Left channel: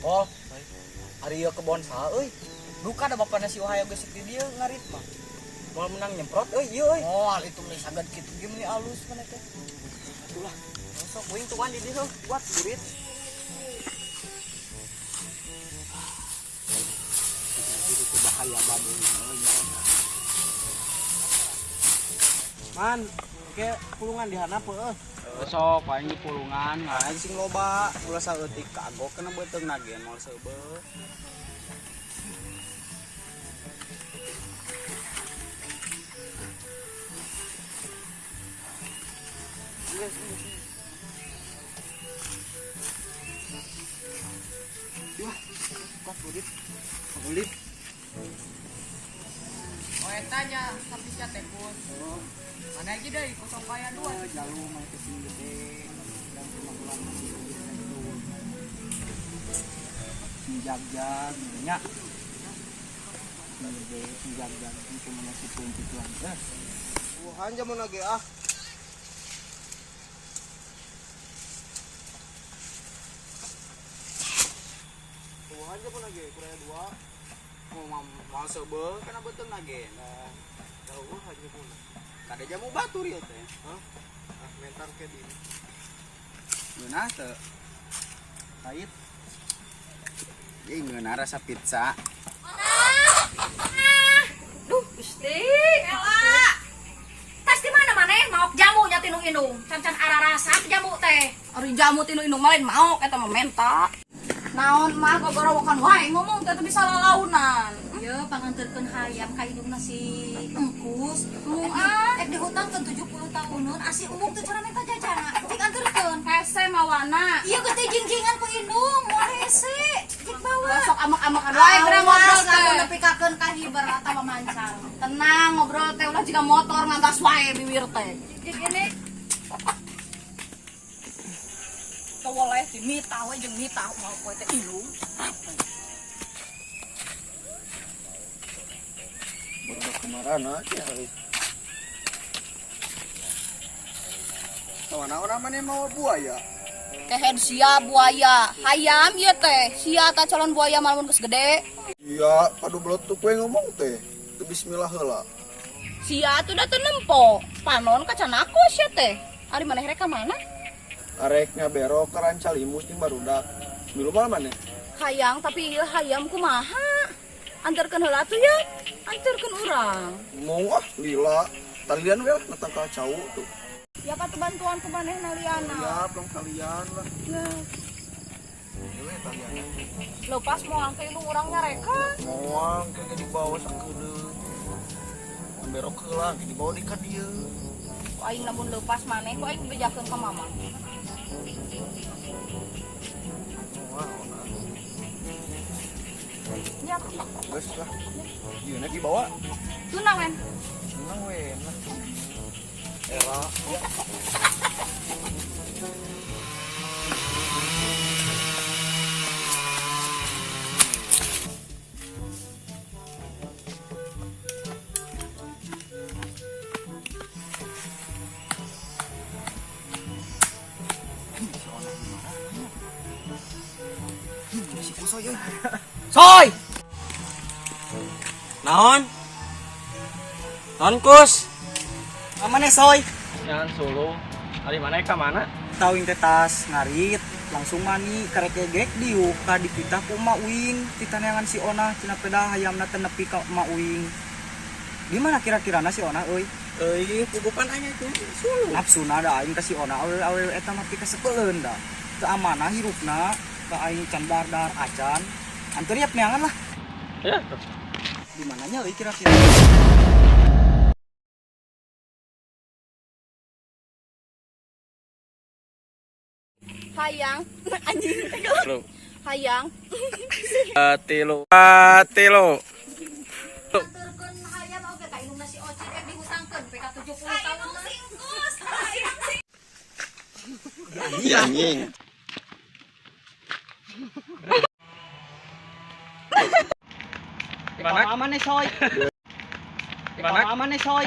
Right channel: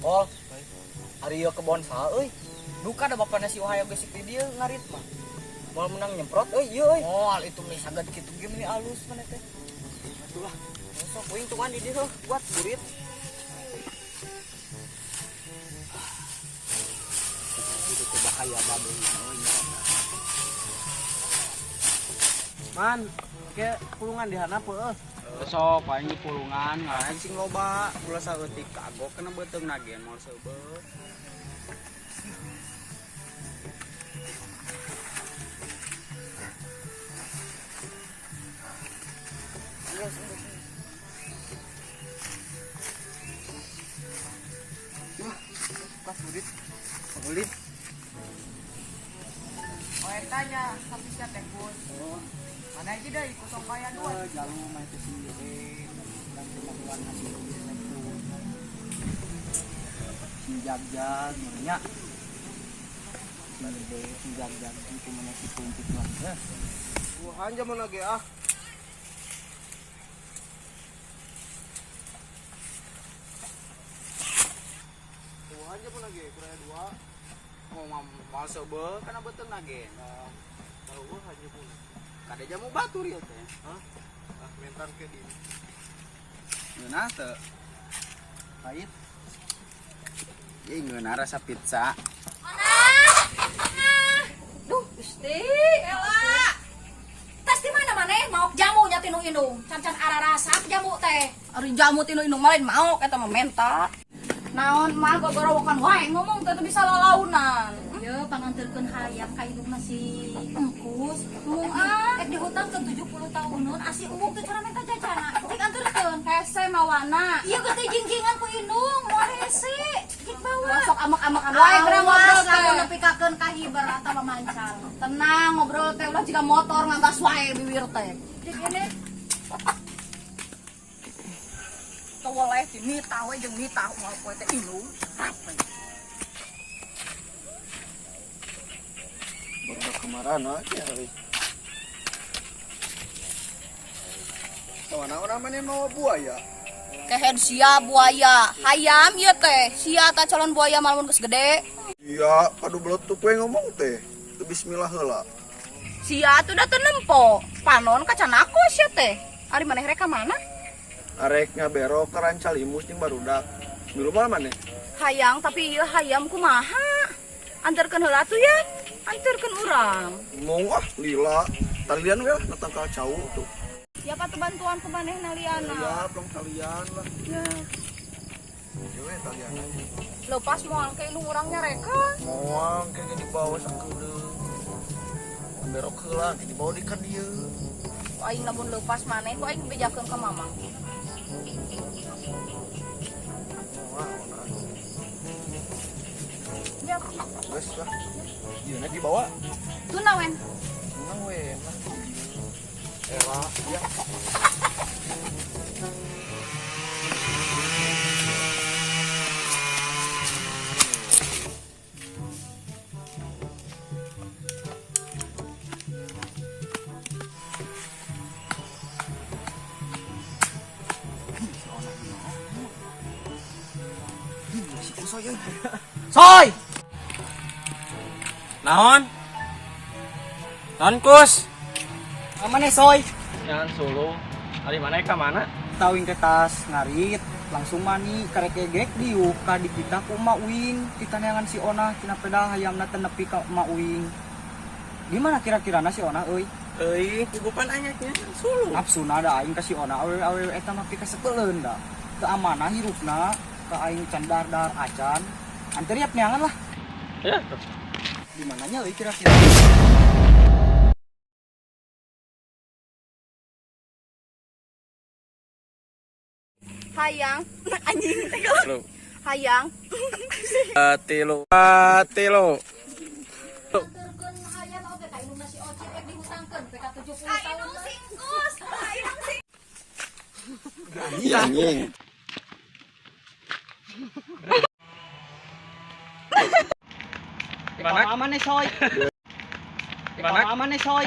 Oh, hari ieu kebon saha euy? Duka da bapana si Wahaya geus di dieu ngarit mah. Moal menang nyemprot euy ieu euy. Oh, hal itu mah saged kitu ge meni alus kana teh. Atulah. Sok wing tuan di dieu buat burit. Itu bahaya baduy euy. Man, ke pulungan di handap heuh. Sok paling di pulungan Aing sing loba, ulah saeutik kagok kena beuteung nagen moal seubeuh. Wah, suka burit. Burit. Oh, tanya tapi sia teh pun. Oh, Mana aja deh kosong kaya dua. jalu mah itu sih gede. Dan cuma bulan masih gitu. Sinjag-jag nya. Gede sinjag-jag itu mana si pumpit lah. Tuhan jaman lagi ah. Tuhan jaman lagi kurang dua. Mau seubeuh kana beuteung nagen. Tahu hanya pun. Kada jamu batur ieu teh. Ah mentar ke di. Ngeunah teu. Pahit. Ieu ngeunah rasa pizza. Duh, Gusti, Ella. Tas di mana maneh maok jamu nya tinu indung. Can-can ararasa jamu teh. Ari jamu tinu indung mah lain maok eta mah mentok. Naon mah gogorowokan wae ngomong teh bisa lalaunan. Ya, panganterkeun hayam ka indungna si Engkus, Ek dihutangkeun 70 tahunan asi umum teu cara minta jajana. Cik anterkeun. hese mawana. Ieu geuh teh jingkingan ku indung, moal hese. Cik bawa. Sok amak-amakan wae geura ngobrol kamu teh. nepikakeun ka hiber atawa mamancal. Tenang ngobrol teh ulah jiga motor nganggas wae bibir teh. Cik ini Toleh si Mita we jeung Mita moal poe teh indung. Baru kemarin aja. Tawana namanya mau buaya. Kehed sia buaya, hayam ieu teh. Sia ta calon buaya malamun geus gede. Iya, padu belotuk we ngomong teh. Teu bismillah heula. Sia tuh da teu nempo. Panon kacan aku sia teh. Ari maneh rek ka mana? Arek ngabero ke Rancalimus jeung barudak. Milu mal maneh? Hayang tapi ieu hayam kumaha? Anterkeun heula atuh ya. Anterkeun urang. Ngomong ah lila. Talian we lah datang ka cau tuh. Ya patu bantuan ku manehna liana. Ya, belum kalian lah. Ya, Ya we talian. lepas moal ke indung urang nyareka. Moang kayak di bawah sakeudeuh. Berok heula di bawah di ka dieu. Ku aing lamun lepas maneh ku aing bejakeun ka mamang. Moang ona. Ya, Geus lah. Dieuna dibawa. teu nawen. Menang we nah. Era ya. Si Kusoy euy. Soy. Naon? Naon Kus? Amane Soy? Jangan solo. Ari mana ka mana? Tauing teh tas ngarit langsung mani karek gegek diuk ka dipitah ku Ma Uing titaneangan si Ona tina peda hayamna teh nepi ka Ma Uing. Di mana kira-kirana si Ona euy? Euy, pugupan anya tuh. Sulu. Nafsuna da aing ka si Ona awewe eta mah pika sepeuleun da. Teu amanah hirupna ka aing can dar acan. Anteriap neangan lah. Ya. Di mananya euy kira-kira? Hayang, anjing teh. Lo. Hayang. Tilo. anterkeun hayam oge ka indungna si Ocit ek dihutangkeun PK 70 tahun. Singkus. Hayam sing. Ya anjing. Gimana? Aman nih Soy. Gimana? Aman nih Soy.